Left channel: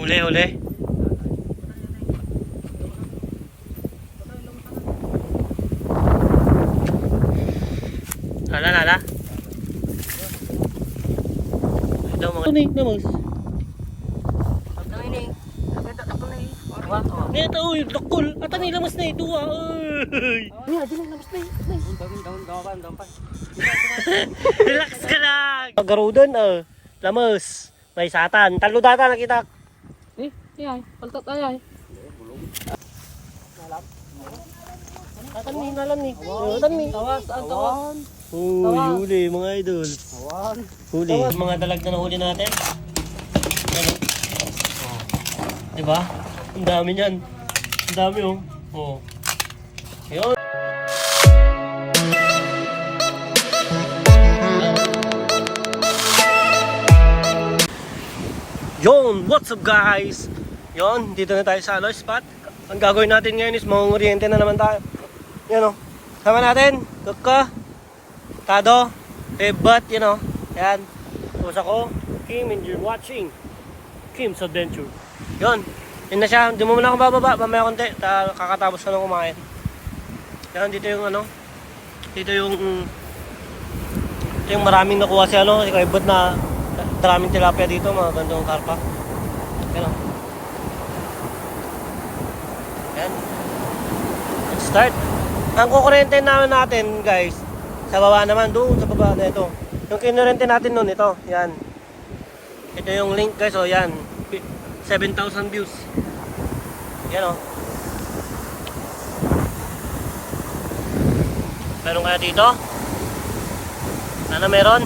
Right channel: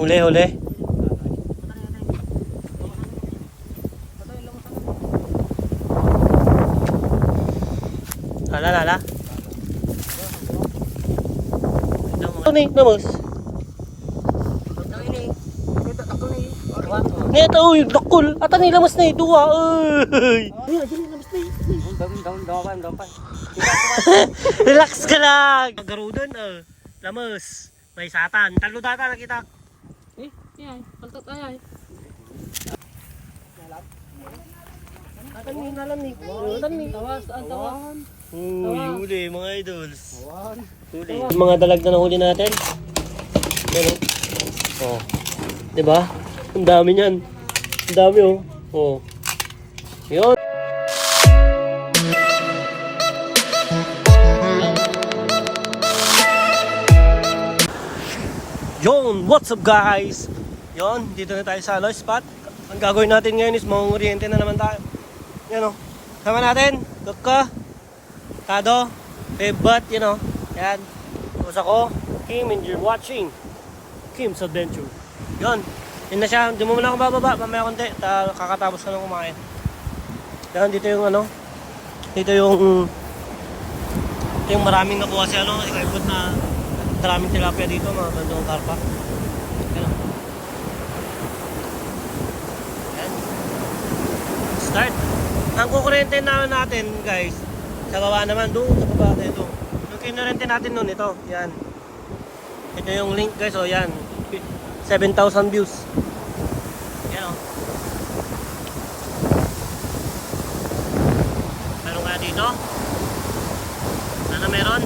Huli, huli. Hala, hala. Ito mga... Ito ni, namos. Neta, uy, dakol. Ata nila mas na ito, ah. Uy. Relax ka lang. Garudan, ah. Lamos. May satan. Talo data nakita. Eh, ay, paltat ay ay. Atan ni, nalam ni. Tawas, ang tawas. Uy, huli mga idol. Huli. Yung mga dalag na nahuli natin. Pero, oh. Diba? Ang dami niyan. Ang dami oh. Oh. Yun. Yon, what's up guys? Yon, dito na tayo sa ano, spot. Ang gagawin natin ngayon is mangunguriente na naman tayo. Yan o. Sama natin, Kuka, Tado, Bebat, you know. Yan. Tapos ako, Kim, and you're watching Kim's Adventure. Yon. Yun na siya. Hindi mo muna akong bababa. Mamaya konti. Ta kakatapos ka nang kumain. Yan, dito yung ano. Dito yung ito yung maraming nakuha si ano. Ikabot na maraming tilapia dito. Mga gandong karpa. Yan o. Yan. Let's start. Ang kukurente naman natin, guys, sa baba naman, doon sa baba na ito. Yung kinurente natin noon, ito, yan. Ito yung link, guys, oh, yan. 7,000 views. Yan, oh. Meron kaya dito? Ano meron?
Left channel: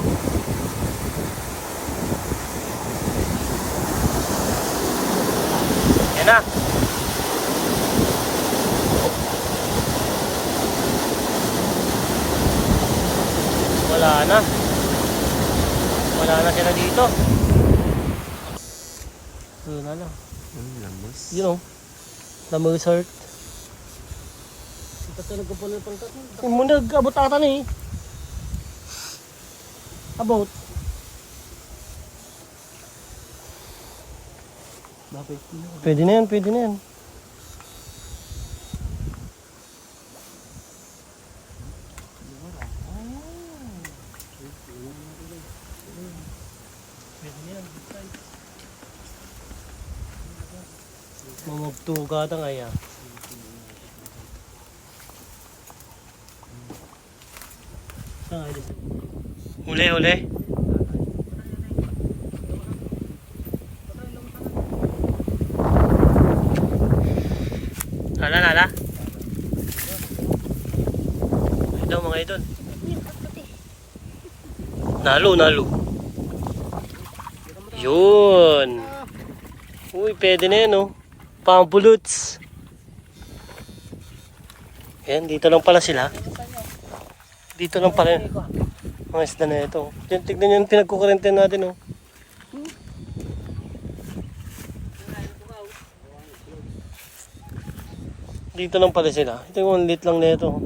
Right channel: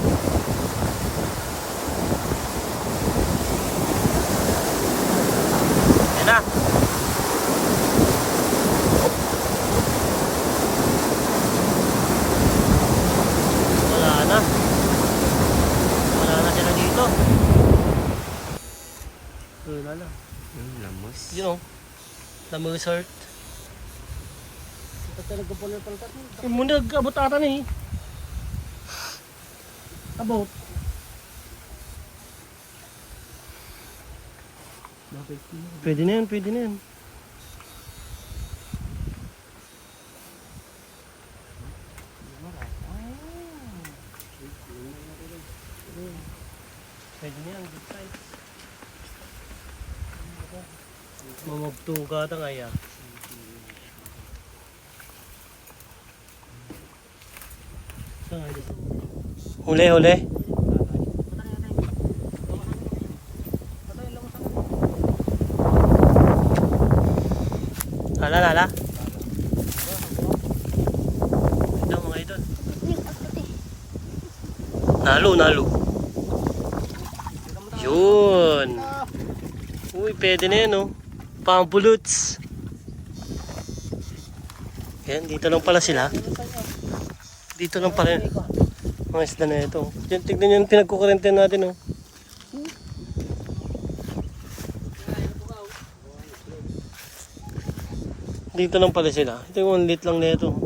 Yan na. Wala na. Wala na sila dito. Yun na lang. Ang lamos. Yun o. Lamos heart. Ito talaga po ng pantat. Muna nag-abot ata na eh. Bakit? Pwede na yan, pwede na yan. Pwede na yan. Mamagtuga ka ngaya. Huli, huli. Hala, hala. Ito mga idol. Nalo, nalo. Yun. Uy, pwede na yan, oh. Pampuluts. Yan, dito lang pala sila. Dito lang pala yun. Mga isda na ito. Yan, tignan yung pinagkukurente natin, oh. Dito lang pala sila. Ito yung lit lang nito.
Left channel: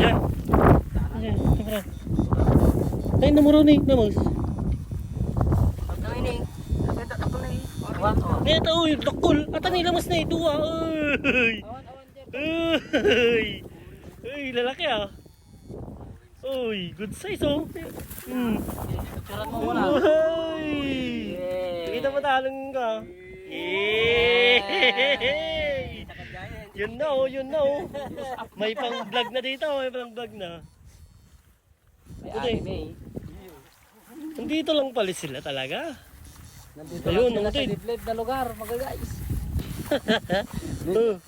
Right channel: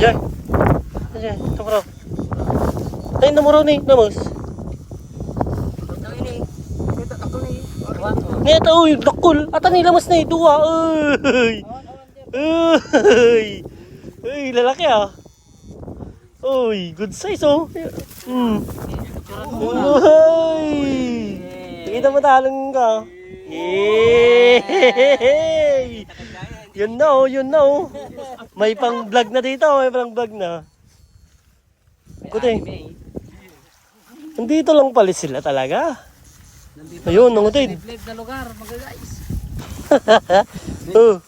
Ayan. Ayan, ito bro. Ay, namuro ni, namos. Neto, uy, dakol. Ata nila mas na ito ah. Uy. Uy. Uy, lalaki ah. Uy, good size oh. Hmm. Uy. Kita mo talong ka. Yay! Yun na oh, yun na oh. May pang vlog na dito, may pang vlog na. Kuti. Nandito lang pala sila talaga. Nandito Ayun, nangutid. Live na lugar, mga guys. Oh.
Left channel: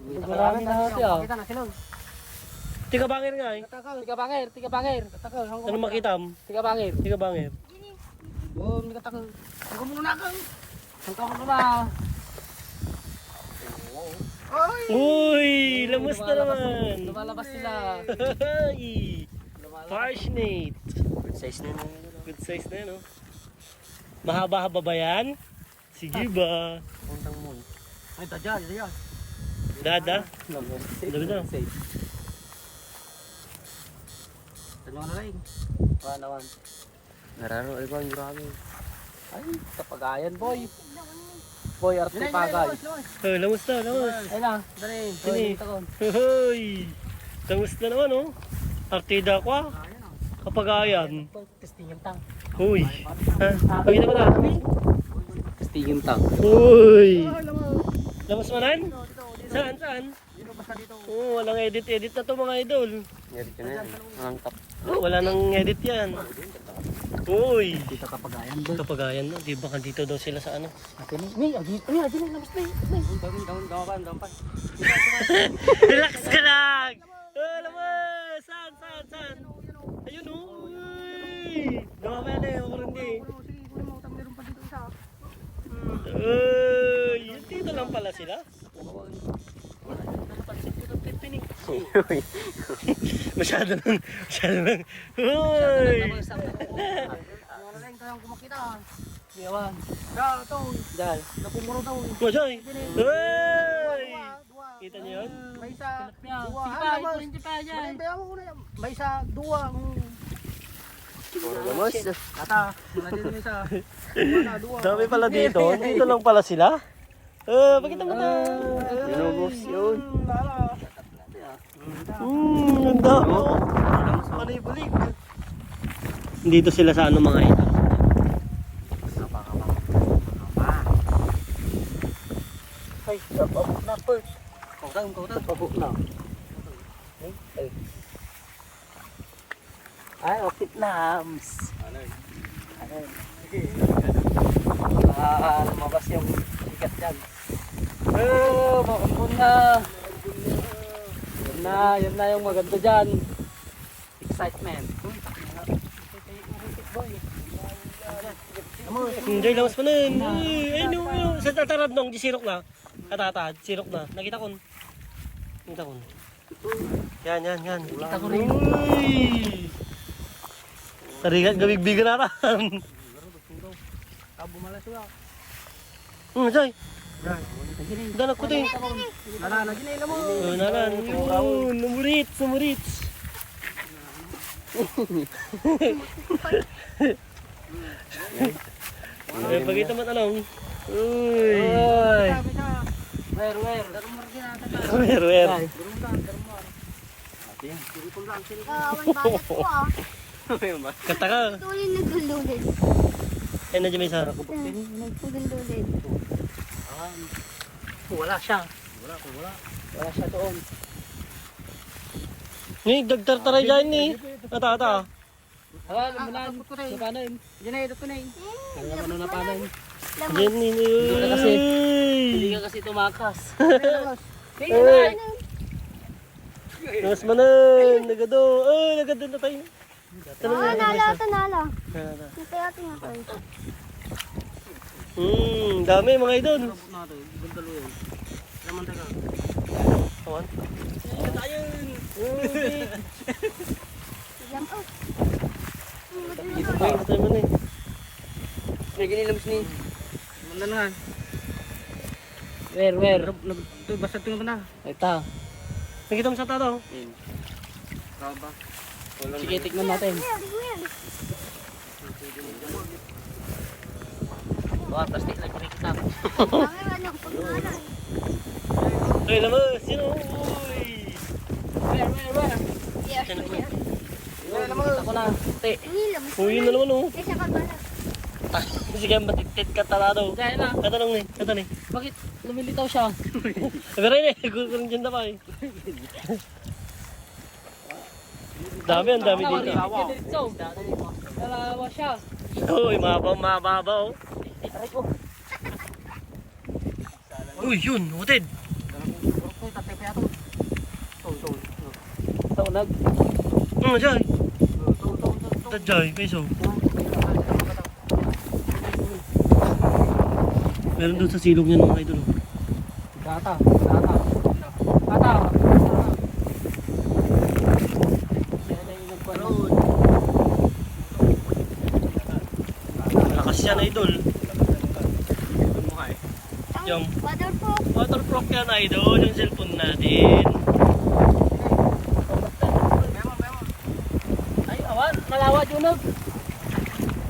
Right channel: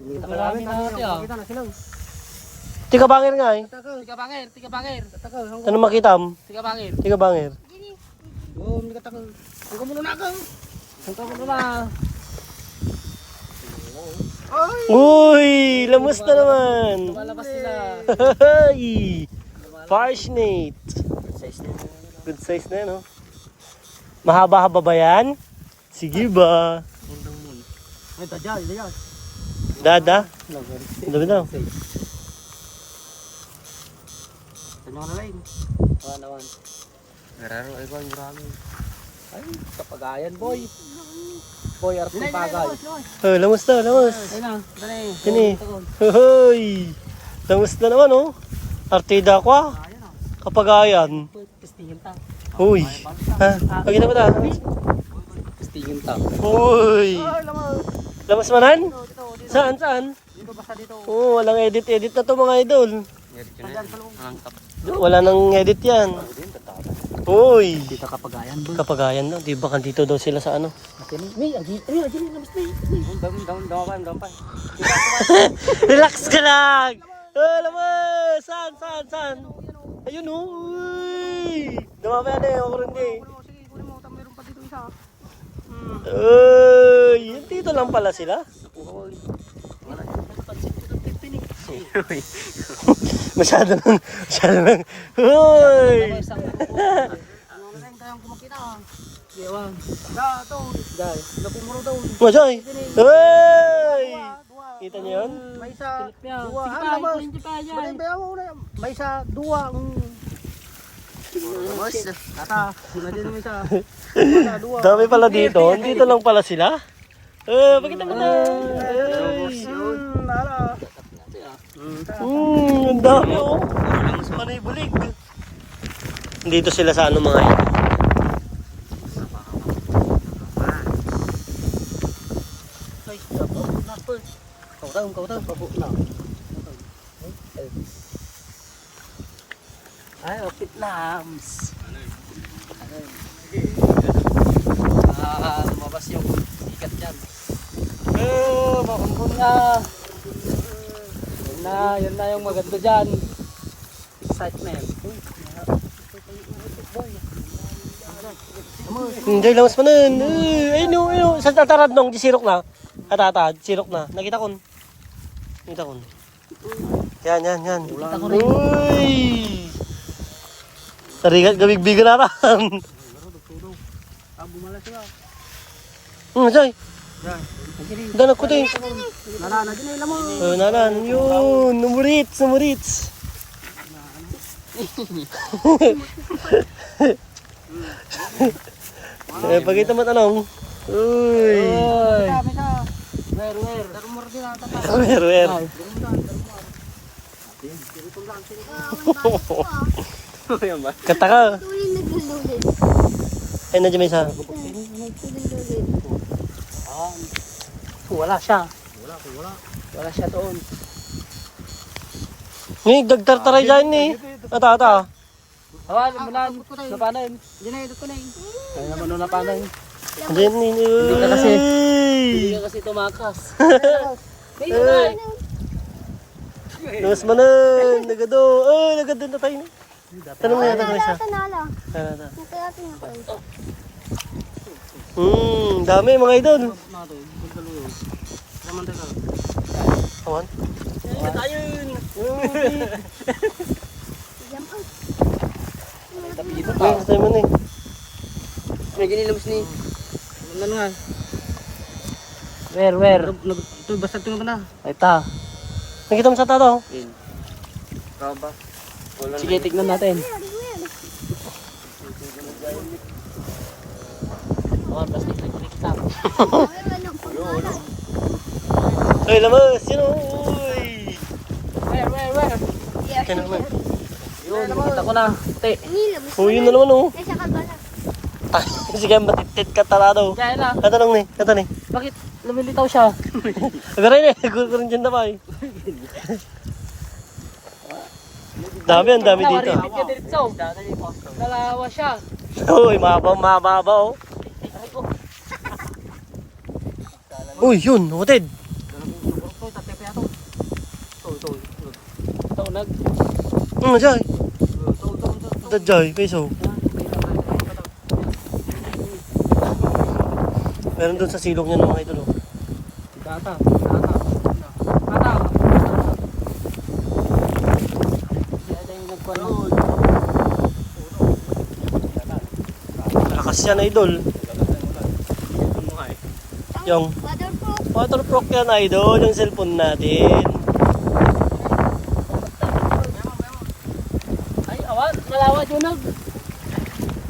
Marami na natin ah. Tika bangir nga eh. Tiga bangir, tiga bangir. Ano makitam? Tiga bangir. Tika bangir. Oh, hindi ka takal. Hanggang mo na ako. Hanggang mo na. Uy, lamus na naman. Lumalabas sila. Hey! Parsnake. Good size na yun. Good size na yun, oh. Mahaba-haba ba yan? Sige ba? Puntang mo. Ay, dadya, dadya. Dada? Ang dami daw. Sa mga nalain. Mga naman. Nararo ay ba, marami. Ay, kapagayan, boy. Boy, artipagay. Oh, lamus na, lamus. Ay lang, dali. Kini. Hoy! Lamus na naman, oh. Artida ko, ah. Ayan ah. Kapagayan. Testingin ta. Uy. Ha? Pagkita mo na. Testingin ta. Uy. Lamas manan? Saan, saan? Oo, walang edit-edit na to mga idol. Wala nang edit yan. Uy. Dito kapagayan, boy. Kapagayan na, di ba dito daw sila sa ano? Ni, agi, agi, labas dam, dam, dam, dam, pa. Relax ka lang! Oh, lamas! Saan, saan? Ayun, oh. Uy! Dumami yan eh, ako rin eh. Uy! Dito lang pala sila. Uy. masyado nang, masyado nang, uy! Na. Yawang. Da, to. Da, napumuro daw. Masay! Uy! Kita niyo yun? May isa, dua. Sige pa, kulinti pa dyan. May isa, dua. Kata, mula din may isa. Dami pala dito. Dito lang pala sila. Eh, pakita mo na. Ay. Nala. Hmm, ang dami oh. Panay bulig. Dito sila sa ano mga yun. Ay, pabuk na po. Kau tahu, kau tahu, pabuk na. Ay, okit lams. Ah, lumabas yung ikat dyan. Oh, makambun na. Yan na, yan na yung maganda dyan. Excitement. Hindi, lamas pa nun. Ay, ayun oh, ayun. Sa tatarad nung, di sirok na. Katatad, sirok na. Nakita ko. Nakita ko. Yan, yan, yan. Kita ko rin. Uy! Tarigat, gabig-bigan na ram. Ah, bumala siya. Hmm, Jay. Dan. Danak ko din. Nala na din, ilam mo. Oh, nalan. Yun, numurits, numurits. eh, pagkita mo tanong. Uy. Oy. Wer, wer. Kata ka. Ay, nandiyan may isa. Ah, wala siya. Wala, wala. Wala siya doon. Ni, dagtartaray dyan ni. Ata, ata. Ah, napanan. Napanan. Diyan na, ito na yun. Kaya naman nung napanan. Diyan ni. ka kasi. Hindi ka kasi tumakas. Ay. Mas manan. Nagado. Ay, nagado na tayo. Tanong na, tanong na isa. Ito na na. Hmm, dami mga idol. Na yun. Naman tayo. Awan. Jump out. Ay, tayo mo na eh. May ginilabas ni. Alam na nga. Where, where? Nag, ito, basta tingnan mo na. Ay, ta. Nakita mo sa tato. Raba. Sige, tignan natin. Oh, plastic na. Ano po na? Ay, lamas. Yun. Uy. Where, where, where? Yan naman. Yun, nakita ko na. Te. Mo. Oh, yun na naman oh. Kaya ka bala. Sige, matitit ka tarado. Diyan na. Katanong ni, katanong ni. Bakit lumilitaw siya? Agaray ni, gusto ko rin dyan na pa eh. Dami, ang dami dito. Nalawa siya. Uy, mahaba, mahaba oh. Uy, yun, hotid. Ito, tatay pa yato. Ito, ito. Ito na Nag. Ano, Jay? Oh, to, to, to, to. Ito, Jay, peso. Meron doon sa silong niya mga idol. oh. Tata, tata. Tata. Malakas yan, idol. Yung Waterproof. waterproof yan, idol. Yung cellphone natin. Ay, awan, nalawa dyan nag.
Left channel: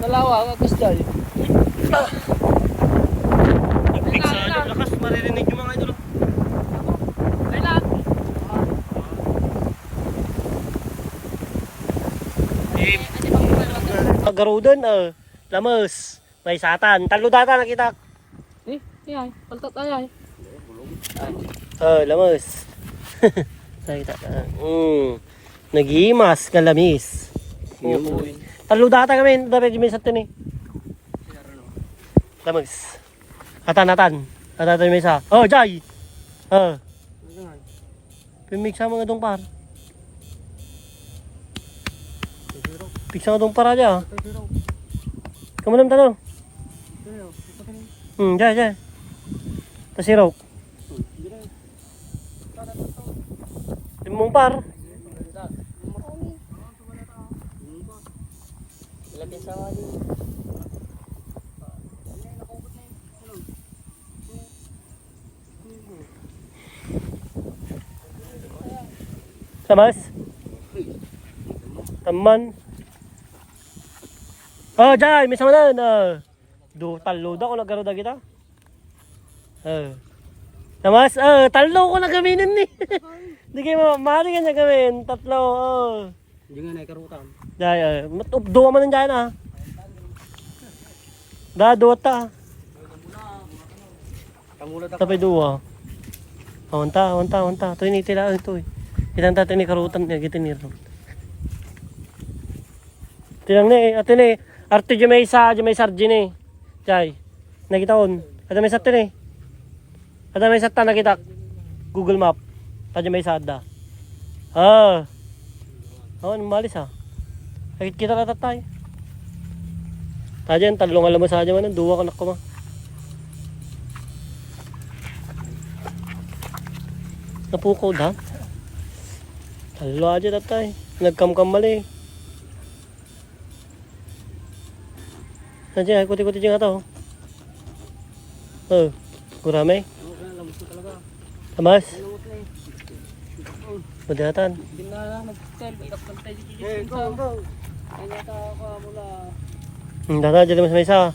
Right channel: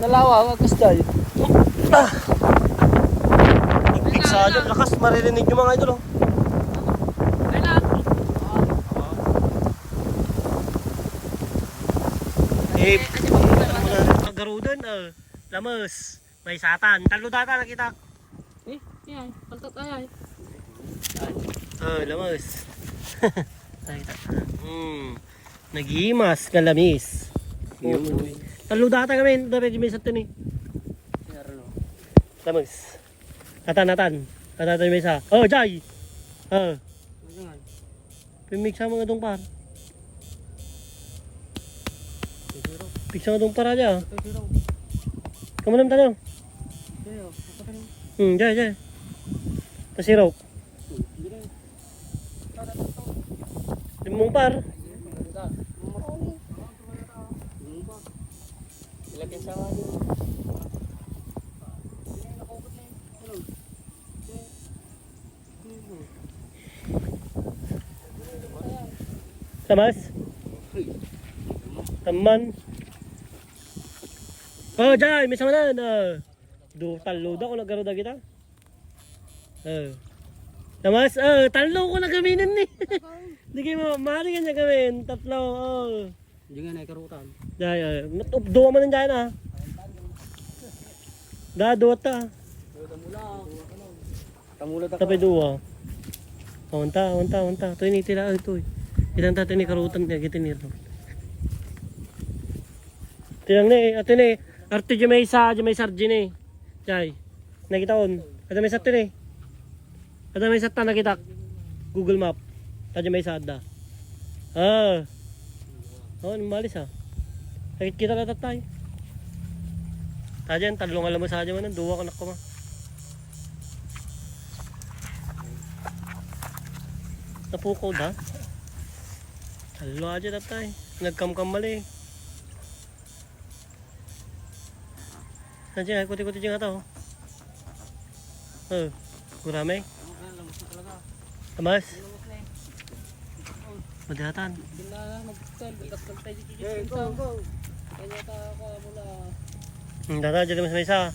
Nalawa, gusto. Maririnig yung mga idol. Oh. Eh, doon, ah. Lamas. May satan. Talo data nakita. Eh, ay, paltat ay ay. Oh, lamas. Nakita ka. Mm. Naghimas, kalamis. Uy. Talo data kami. Dapat yung may satan eh. Lamas. Atan-atan. Atan may sa. Oh, Jai. Ah. Pimig sa mga dong par. Piksa nga dong para dyan. Kamanam tanong. Hmm, Jai, Jai. Pasiro. Yung par. Lapin sa wali. Samas? Taman. Oh, Jai, may sama na. na. Do, talo daw ko nagkaroon kita. Eh. Samas, oh, talo ko na gaminin ni. Hindi kayo mamari ka niya gawin. Tatlo, oh. Hindi nga naikarutan. Jai, eh. mat- Duwa man dyan, ah. Da, duwa ta. Tapi dua. Awanta, awanta, awanta. Ito ini tila ito eh. Ilan tayo ni karutan niya gitu ni ro. Tilang ni, ato ni. Arte di may isa, di may sardi ni. Jai. Nakita on. Ada may satin eh. Ada may sata nakita. Google Map. Ada may sada. Ah. Oh, malis ah. Nakikita na tatay. Tajan, talong alam mo sa aja man, duwa ka na ko ma. Napukaw da. Talo aja tatay. Nagkamkam mali. Nandiyan, ikuti-kuti dyan ata oh. Oh, talaga. Tamas, Lamos na madihatan. Hindi na lang mag-sell. Ikap ng tayo dito. Go, go. Kaya ka mula. Hmm, data dyan mas may isa.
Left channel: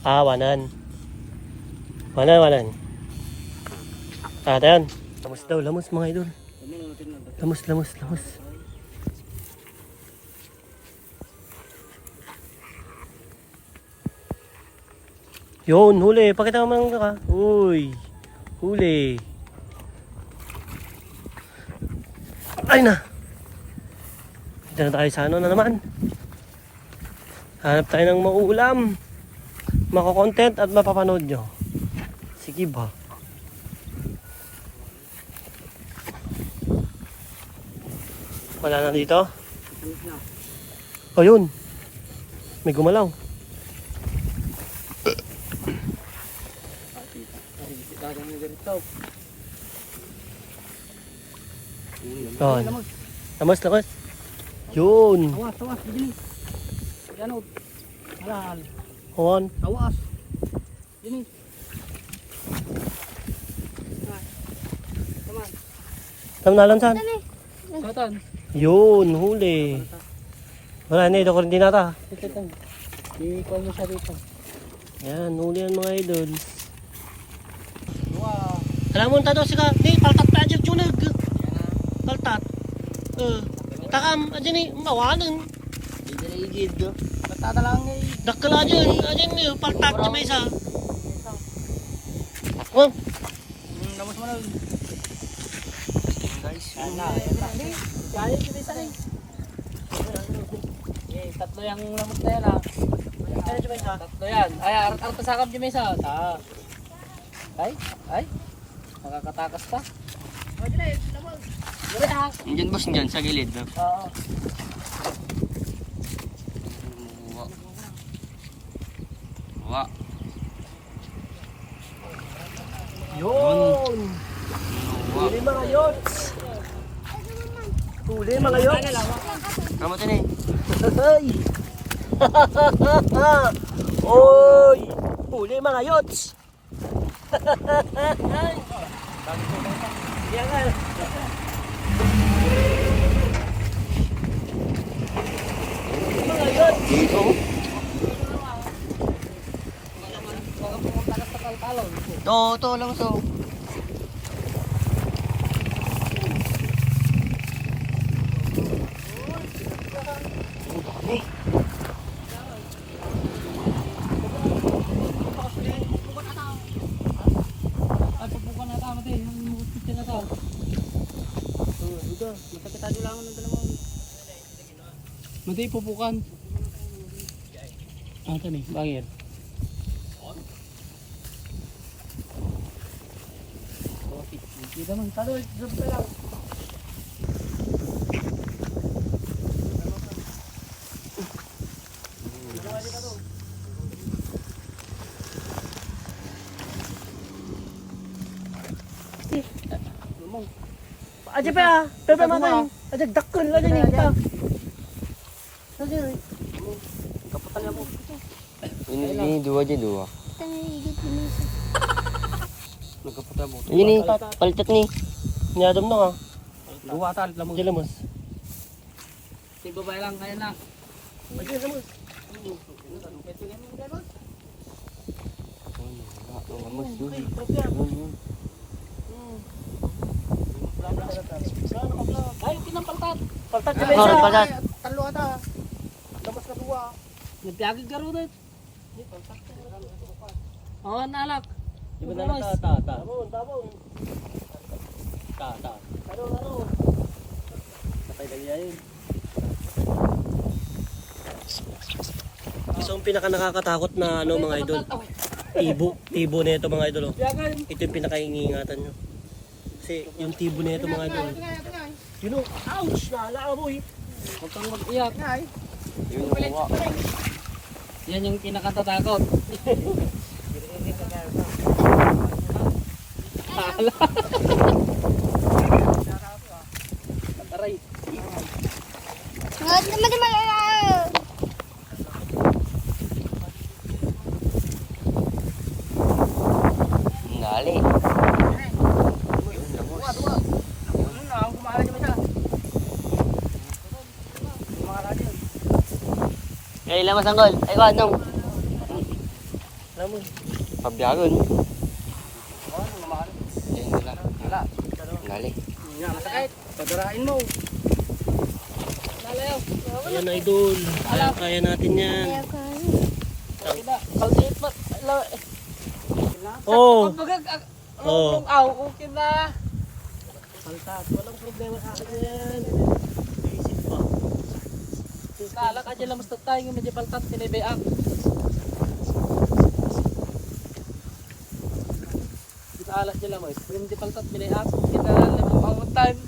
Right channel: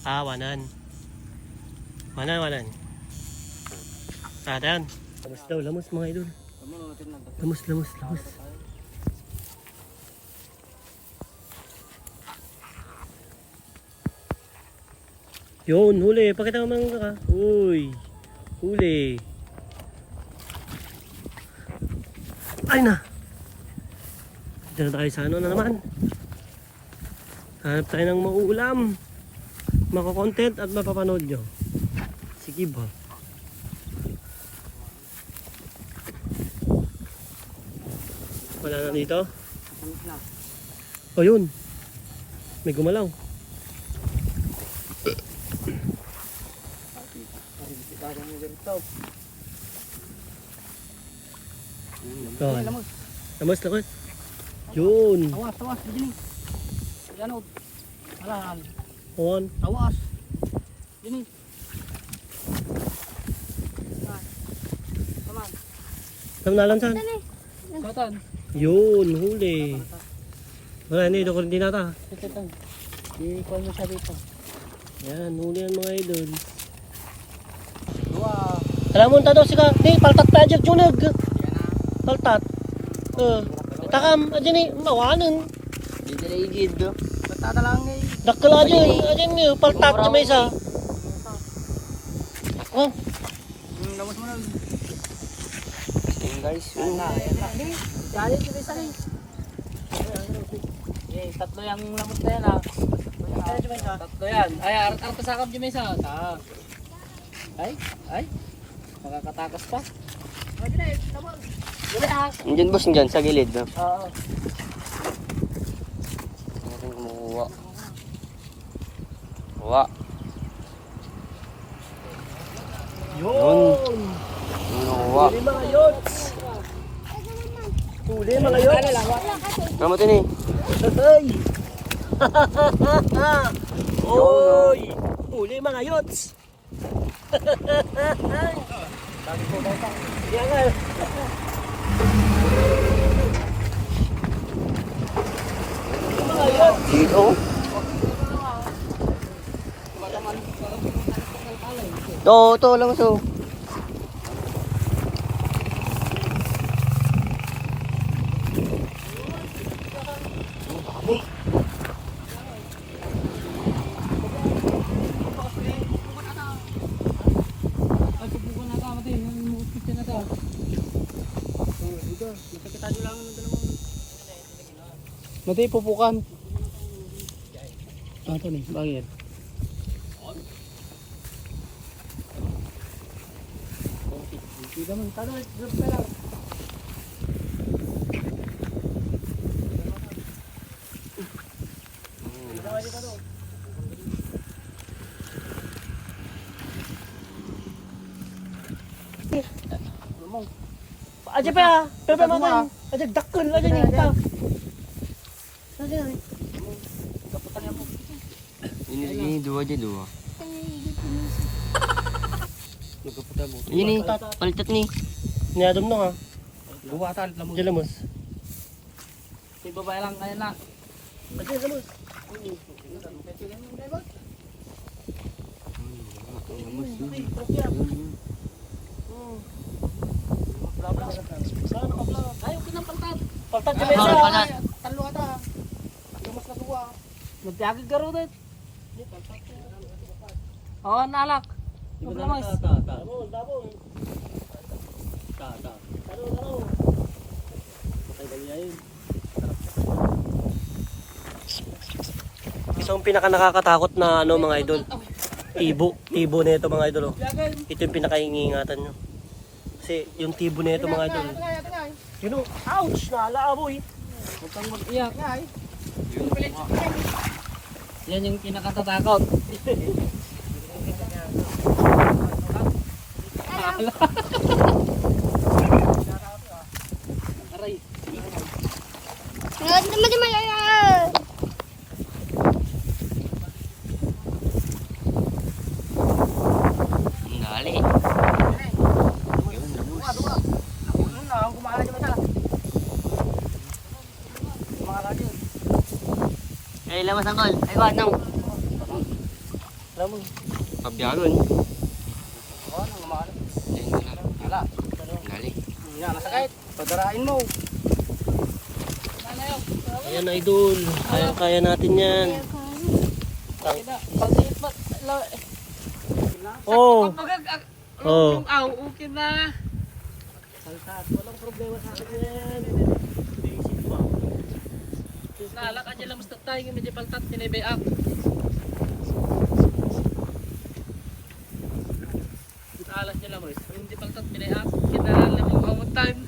Ah, wanan. Wanan, wanan. Ah, tayan. Lamos daw, lamos mga idol. Lamos, lamos, lamos. Yun, huli. Pakita mo mga ka. Uy. Huli. Ay na. Dito na tayo sa ano na naman. Hanap tayo ng mauulam. Makakontent at mapapanood nyo. Sige ba? Wala na dito? O yun. May gumalaw. Lamos. Lamas, lamas. Yun. Tawas, tawas. Dini. Ganot. Halal. On. Tawas. Dini. Tam na lansan. Dali. Yun, huli. Wala na, ito ko rin dinata. Ito ito. Ikaw mo siya dito. Yan, huli yan mga idol. Alam mo, tado si ka. Di, paltat pa dyan chunag. Paltat. Uh, takam, adyan ni, mawanan. Igid. Batada lang eh. Dakkel adyan, adyan ni, paltat dyan may isa. Oh, Hmm, lamos mo na. guys. Yan na. Kaya kita isa rin. Eh, tatlo yung lamot na yan ah. dyan? Tatlo yan. Ay, arat arat pasakap dyan may isa. Ta. Ay, ay. Nakakatakas pa. Nandiyan boss, nandiyan sa gilid. No? Oo. Kumukuha. Kuha. Yun! Kumukuha. Mga yots! Huli mga! Mama to ni. Hey! Oy! Huli mga yots! Yan nga. Dito. To, to lang so. Ay, pupukan na tama tayo. Yung mukhit na tao. Masakitado lang ng dalawang. Mati, pupukan. Ah, ito ni. Bakit? Kita man, talo, drop ka lang. Aja pa, pepe man. Aja dakkel aja ni kita. Aja. Ini, ini dua aja dua. Ini palitat ni. Niadom na nga. Talit lang mo. Aja lamos. Yung babae lang, kaya lang. Aja lamos. Paltat sa mesa. palat. Talo ka ta. Damas ka duwa. Nagpiagig ka rin. Oo, nalak. Yung lamas. Tabon, tabon. Ano, ano? Patay na niya yun. So, ang pinaka nakakatakot na ano mga idol, ibo, tibo na ito mga idol. Oh. Ito yung pinakaingingatan nyo. Kasi yung tibo na ito mga idol. Yun know, ouch! Naalaboy! Huwag kang mag-iyak. Yan yung kinakatatakot. Aray. Ngali. Kaya ilang masanggol? Ay, ko, anong? Alam mo, Pabyagon. Ayun nila. Wala. Ngali. Yan, masakit. Padarain mo. ayan idol. Kaya-kaya natin yan. Oh! Oh! Na. Paltat, walang problema sa akin yan. Kala ka dyan mas tatay ng medyo paltat pinibayang. Kita alas dyan lang. Yung di paltat pinibayang. Kita lang ang time.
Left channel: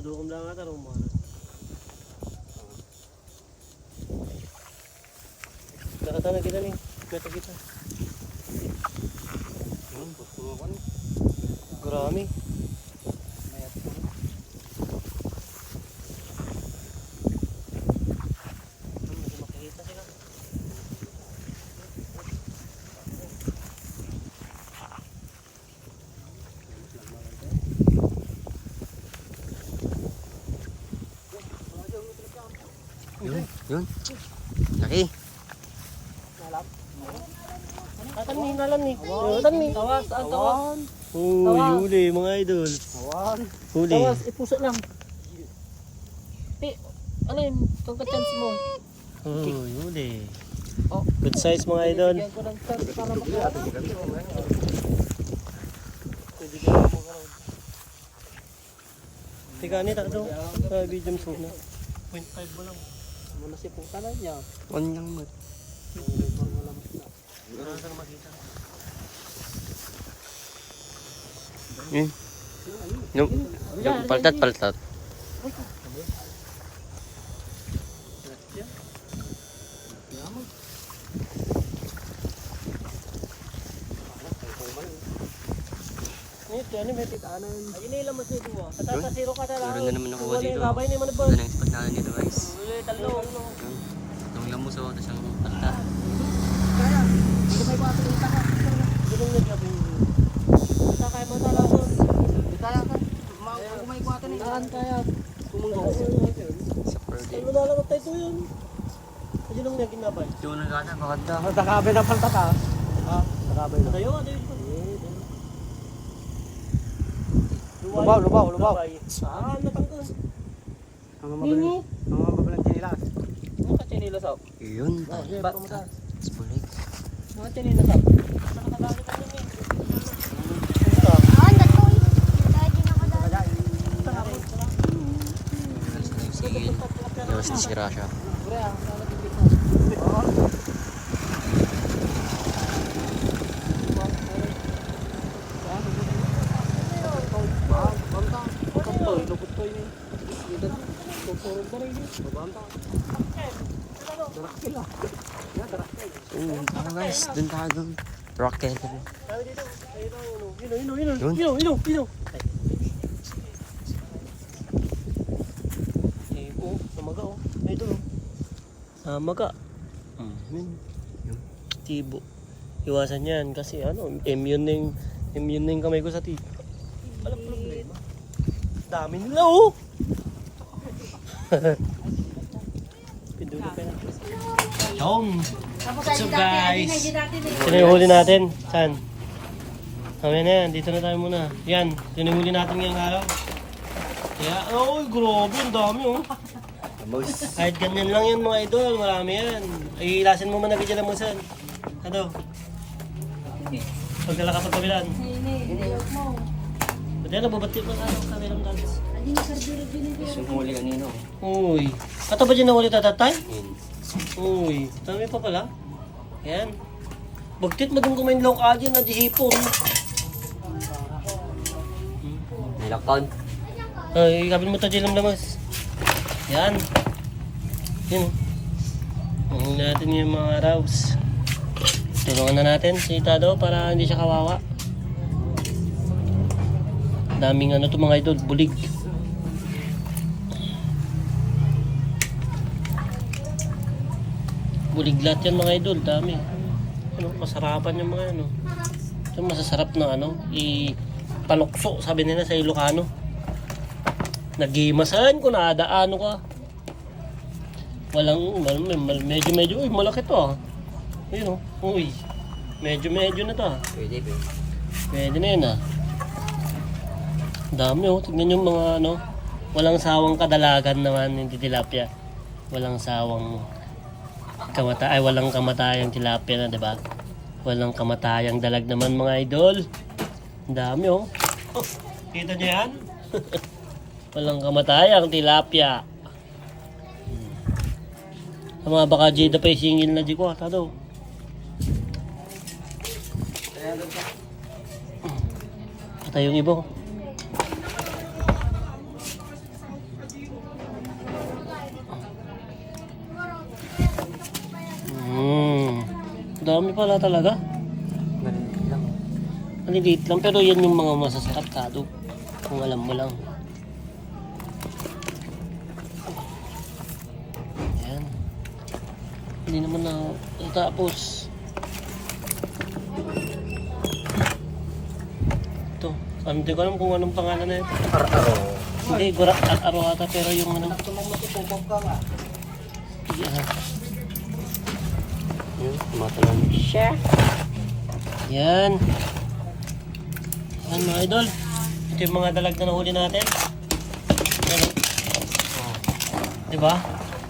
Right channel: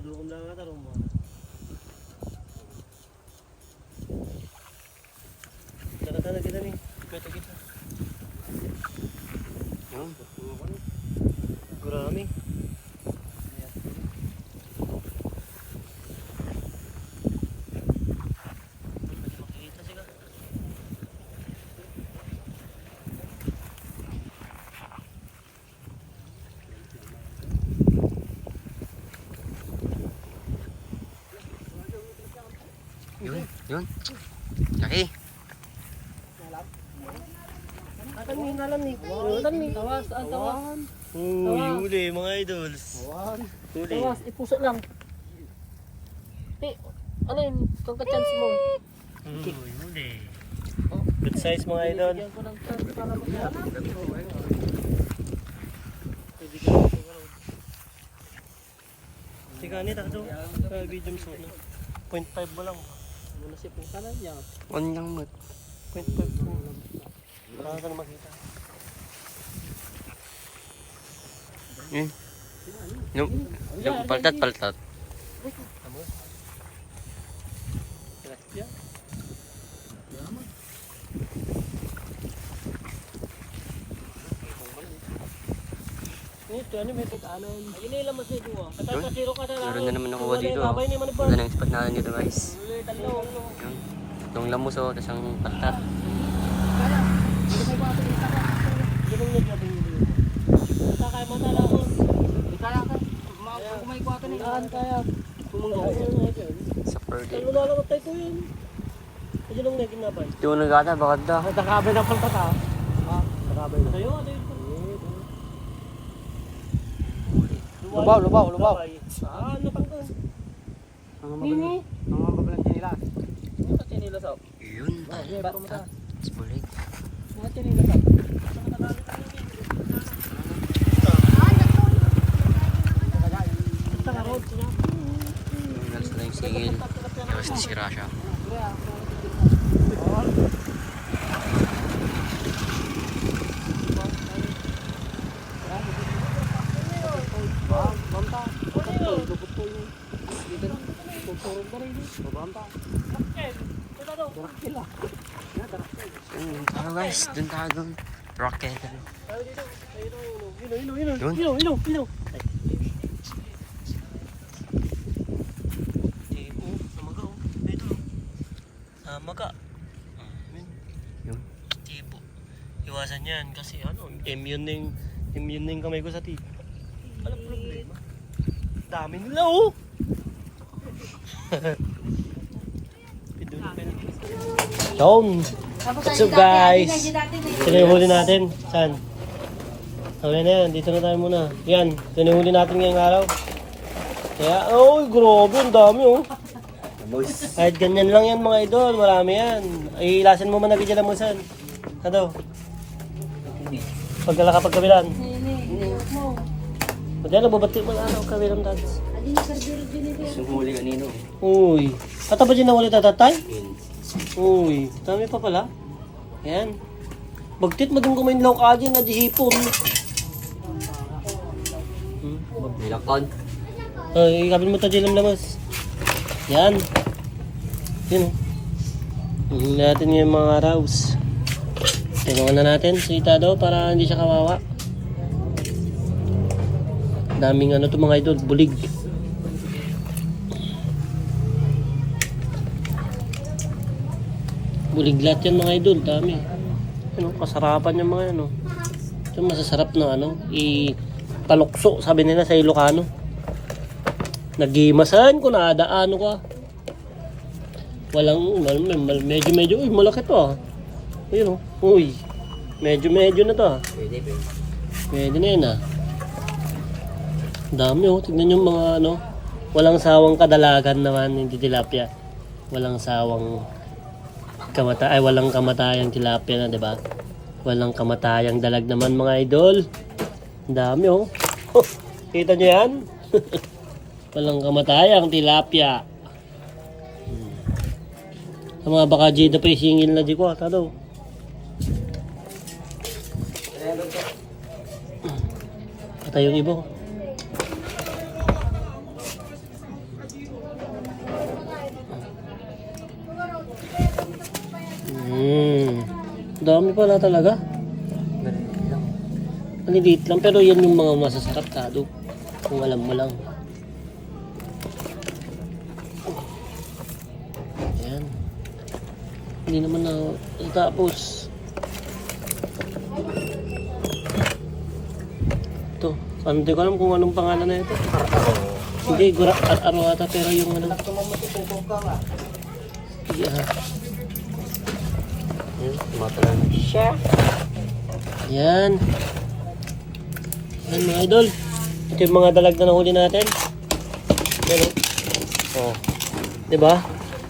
Tudukom lang ata rin mo. Nakata na kita rin. Kita kita. Yan. Gurami. Yun. Yun. Laki. Atan ni, nalam ni. Atan ni. Tawas, ang tawas. Uy, huli mga idol. Huli. Tawas, ipuso lang. Ti, ano yun? Kung ka-chance mo. Uy, huli. Oh. Good size mga idol. Bigyan ko ng chance para makuha. Tika ni, takto. Kaya video mo na. 0.5 mo lang. Muna si Pungka na niya. On lang mat. Saan makita? Hmm. Yung, yung paltat, paltat. Ano may ah. Meron na naman nakuha dito. Oh. Ganda ng spot natin dito guys. Yun. Itong lamos oh, tapos ang palta. Kakay mo talakon. Kumain ko ato ni. Saan kaya? Sa per day. Ano lalawat tayo yun? Kasi nung naging nabay. Ito na gata, bakit da? Magkakabe na pang tata. Ha? Magkakabe na. Tayo, yun? Lubaw, lubaw, lubaw. Saan natanggal? Ang mga Ang mga babalang chinilas. Ano ka chinilas ako? Yun. Bata. Bulig. Mga chinilas ako. Ah, Yung nalas na yung sigil. Yawas na sira siya. Tara guys. Dun tayo dun. Rocket. Ano. Tayo dito. Tayo tayo. Ino, ino, ino. Yun. Ino, ino, ino. Eh, oh, namaga oh. Ito oh. Namaga. Hmm. Yun. Tibo. Iwasan yan kasi ano, immune na yung, immune na yung kamay ko sa tibo. Yun. Dami nila oh. What's up guys? Sino yung huli natin? Saan? Mamaya na yan, dito na tayo muna. Yan, yun yung huli natin ngayong araw. Kaya, oh, grabe, ang dami oh. Kahit ganyan lang yan mga idol, marami yan. Ay, ilasin mo man na bigyan ng musan. Ano? Pag nalakapag kabilan. Pwede na, babati mo ano kabilang dance. Sumuli kanino. Uy, kata ba dyan nawali tatatay? Uy, dami pa pala. Yan. Bagtit mo din kumain law ka dyan na dihipon. Nilakon. Ay, kabil mo tayo lang lamas. Yan. Yan o. Tingnan natin yung mga araws. Tulungan na natin si Tado para hindi siya kawawa. Daming ano to mga idol, bulig. Bulig lahat yan mga idol, dami. Ano, kasarapan yung mga ano. Ito masasarap na ano, i-palukso, sabi nila sa Ilocano. Nagimasan ko na daano ka. Walang mal, mal, medyo medyo uy malaki to ah. Ayun oh. Uy. Medyo medyo na to ah. Pwede, pwede. Pwede na yun ah. Dami oh. Tignan yung mga ano. Walang sawang kadalagan naman yung tilapia. Walang sawang kamata ay walang kamatayang tilapia na, 'di ba? Walang kamatayang dalag naman mga idol. Ang dami oh. oh kita niyo 'yan? walang kamatayang tilapia. Sa mga baka jida pa singil na di ko, tado. Ata yung ibo. Hmm. Dami pala talaga. Maliliit lang. Maliliit lang pero yan yung mga masasarap kado. Kung alam mo lang. Hindi naman na tapos. Ito. Ano, Hindi ko alam kung anong pangalan na ito. Hindi, gura at aro ata pero yung ano. Yeah. Tumatalan. Yan. Yan mga idol. Ito yung mga dalag na nahuli natin. Pero, oh. Diba?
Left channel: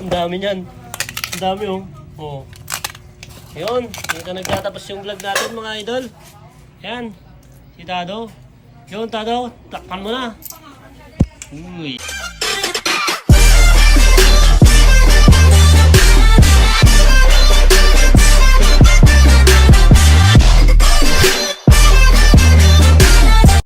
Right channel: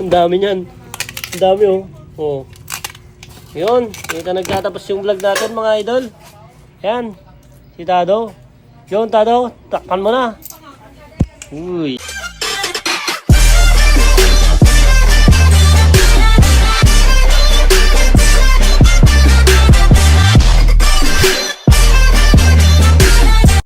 Ang dami niyan. Ang dami oh. Oh. Yun. Dito nagtatapos yung vlog natin mga idol. Yan. Si Tado. Yun Tado. Takpan mo na. Uy.